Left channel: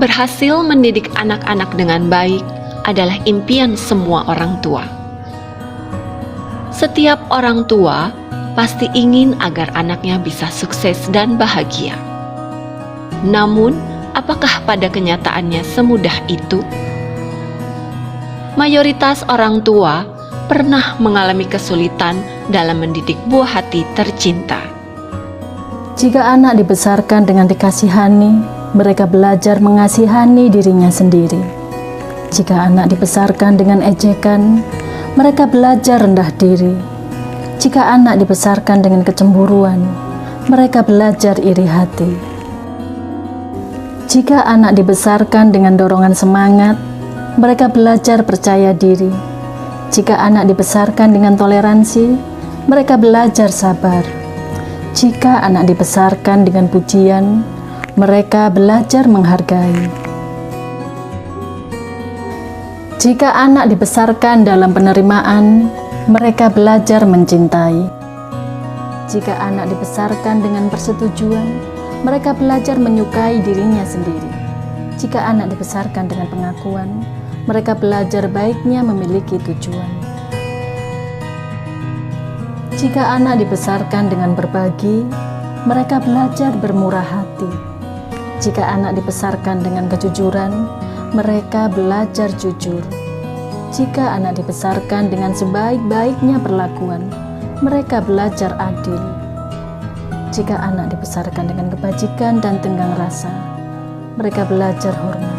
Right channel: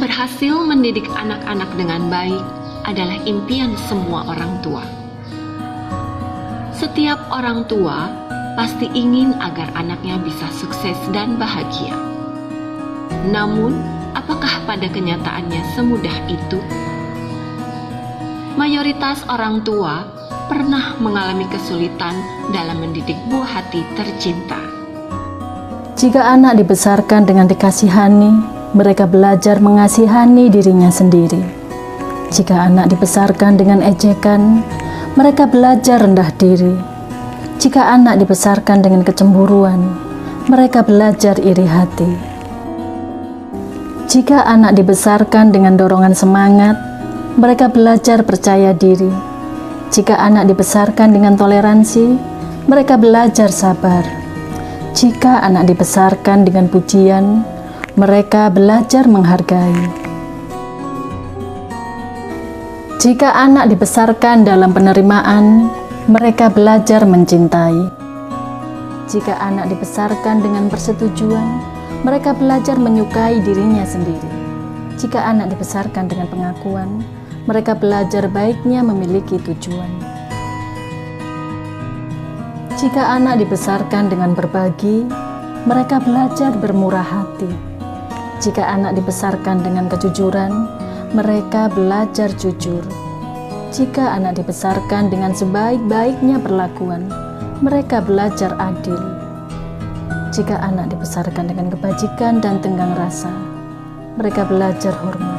Berhasil mendidik anak-anak dengan baik adalah impian semua orang tua. Setiap orang tua pasti ingin agar anaknya bisa sukses dan bahagia. Namun, apakah pada kenyataannya semudah itu? Mayoritas orang tua pernah mengalami kesulitan dalam mendidik buah hati tercinta. Jika anak dibesarkan dengan dikasihani, mereka belajar mengasihani dirinya sendiri. Jika anak dibesarkan dengan ejekan, mereka belajar rendah diri. Jika anak dibesarkan dengan kecemburuan, mereka belajar iri hati. Jika anak dibesarkan dengan dorongan semangat, mereka belajar percaya diri. Jika anak dibesarkan dengan toleransi, mereka belajar sabar. Jika anak dibesarkan dengan pujian, mereka belajar menghargai. Jika anak dibesarkan dalam penerimaan, mereka belajar mencintai. Jika anak dibesarkan dengan persetujuan, mereka belajar menyukai dirinya sendiri. Jika anak dibesarkan dengan pengakuan, mereka belajar baiknya memiliki tujuan. Jika anak dibesarkan dengan berbagi, mereka belajar bermurah hati. Jika anak dibesarkan dengan kejujuran, mereka belajar jujur. Jika anak dibesarkan dengan sebaik-baiknya perlakuan, mereka belajar adil. Jika anak dibesarkan dengan kebajikan dan tenggang rasa, mereka belajar hormat.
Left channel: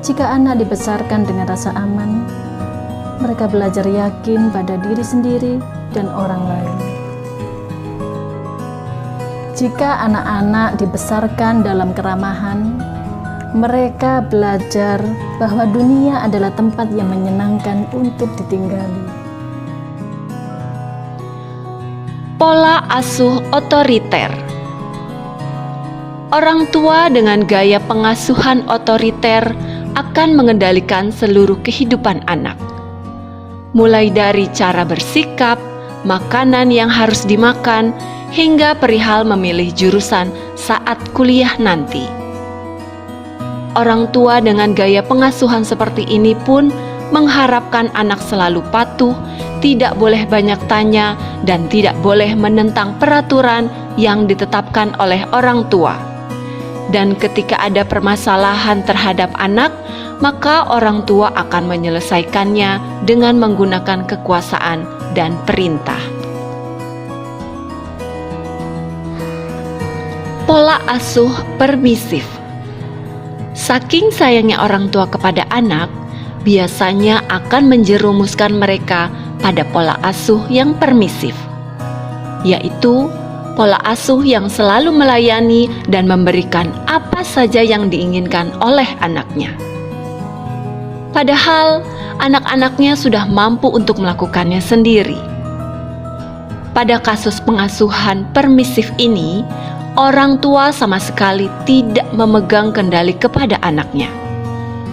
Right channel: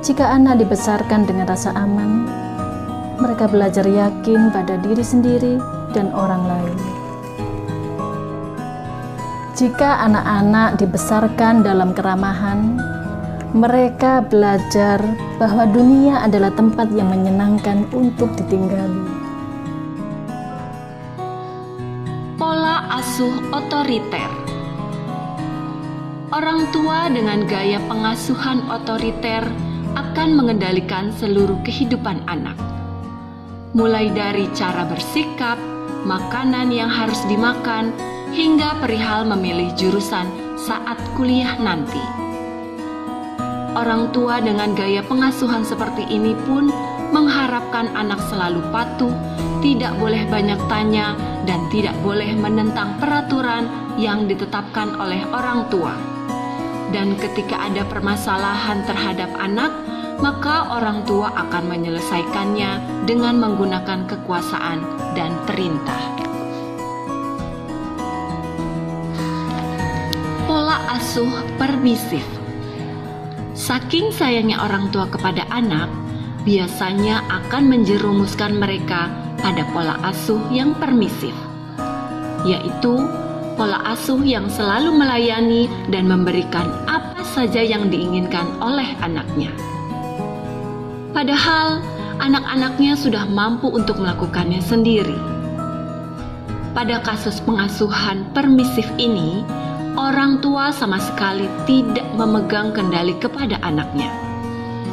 Jika anak dibesarkan dengan rasa aman, mereka belajar yakin pada diri sendiri dan orang lain. Jika anak-anak dibesarkan dalam keramahan, mereka belajar bahwa dunia adalah tempat yang menyenangkan untuk ditinggali. Pola asuh otoriter. Orang tua dengan gaya pengasuhan otoriter akan mengendalikan seluruh kehidupan anak. Mulai dari cara bersikap, makanan yang harus dimakan, hingga perihal memilih jurusan saat kuliah nanti. Orang tua dengan gaya pengasuhan seperti ini pun mengharapkan anak selalu patuh, tidak boleh banyak tanya, dan tidak boleh menentang peraturan yang ditetapkan oleh orang tua. Dan ketika ada permasalahan terhadap anak, maka orang tua akan menyelesaikannya dengan menggunakan kekuasaan dan perintah. Pola asuh permisif. Saking sayangnya orang tua kepada anak, biasanya akan menjerumuskan mereka pada pola asuh yang permisif, yaitu pola asuh yang selalu melayani dan memberikan apa saja yang diinginkan oleh anaknya. Padahal anak-anaknya sudah mampu untuk melakukannya sendiri. Pada kasus pengasuhan permisif ini, orang tua sama sekali tidak memegang kendali kepada anaknya.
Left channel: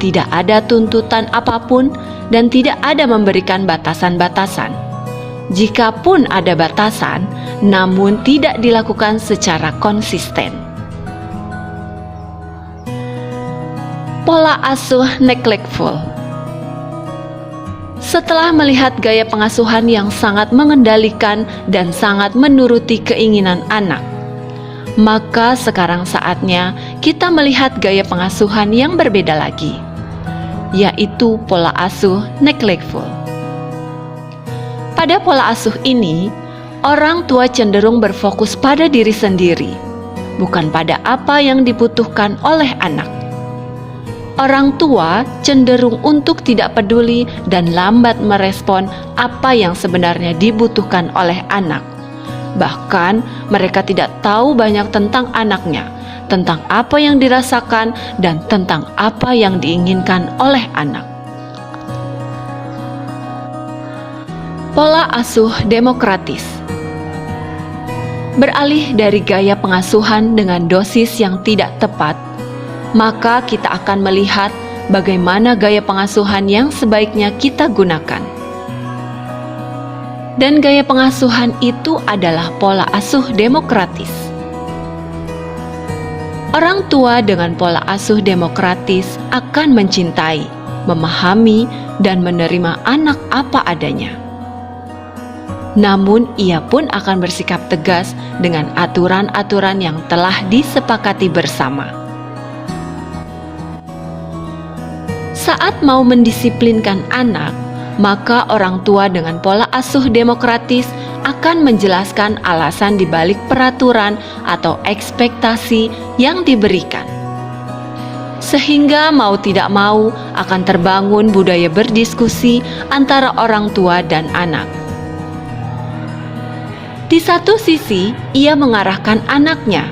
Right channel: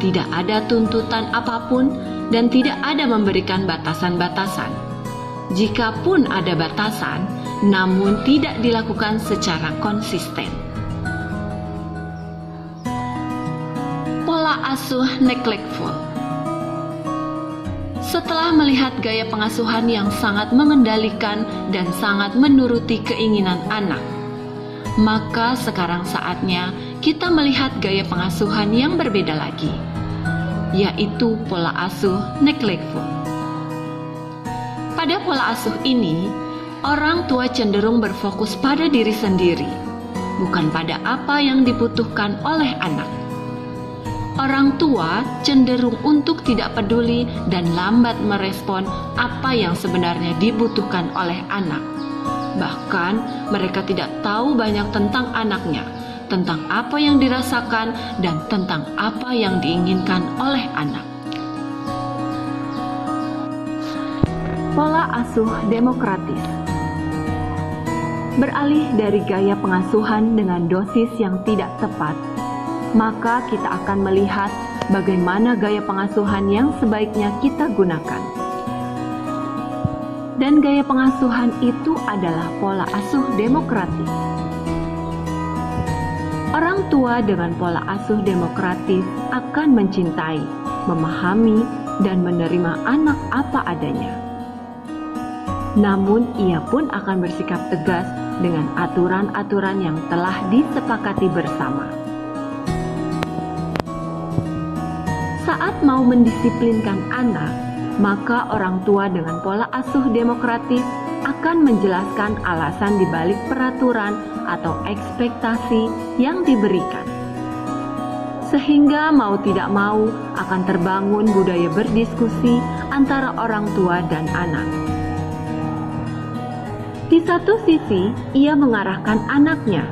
Tidak ada tuntutan apapun dan tidak ada memberikan batasan-batasan. Jikapun ada batasan, namun tidak dilakukan secara konsisten. Pola asuh neglectful. Setelah melihat gaya pengasuhan yang sangat mengendalikan dan sangat menuruti keinginan anak, maka sekarang saatnya kita melihat gaya pengasuhan yang berbeda lagi, yaitu pola asuh neglectful. Pada pola asuh ini, orang tua cenderung berfokus pada diri sendiri, bukan pada apa yang dibutuhkan oleh anak. Orang tua cenderung untuk tidak peduli dan lambat merespon apa yang sebenarnya dibutuhkan oleh anak. Bahkan mereka tidak tahu banyak tentang anaknya, tentang apa yang dirasakan, dan tentang apa yang diinginkan oleh anak. Pola asuh demokratis. Beralih dari gaya pengasuhan dengan dosis yang tidak tepat, maka kita akan melihat bagaimana gaya pengasuhan yang sebaiknya kita gunakan. Dan gaya pengasuhan itu adalah pola asuh demokratis. Orang tua dengan pola asuh demokratis akan mencintai, memahami, dan menerima anak apa adanya. Namun, ia pun akan bersikap tegas dengan aturan-aturan yang telah disepakati bersama. Saat mau mendisiplinkan anak, maka orang tua dengan pola asuh demokratis akan menjelaskan alasan dibalik peraturan atau ekspektasi yang diberikan. Sehingga mau tidak mau akan terbangun budaya berdiskusi antara orang tua dan anak. Di satu sisi, ia mengarahkan anaknya,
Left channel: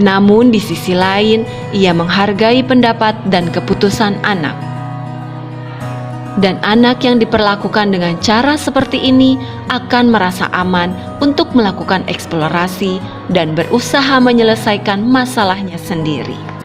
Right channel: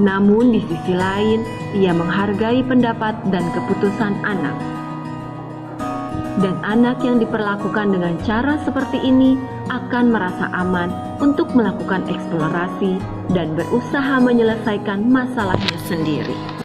namun di sisi lain, ia menghargai pendapat dan keputusan anak. Dan anak yang diperlakukan dengan cara seperti ini akan merasa aman untuk melakukan eksplorasi dan berusaha menyelesaikan masalahnya sendiri.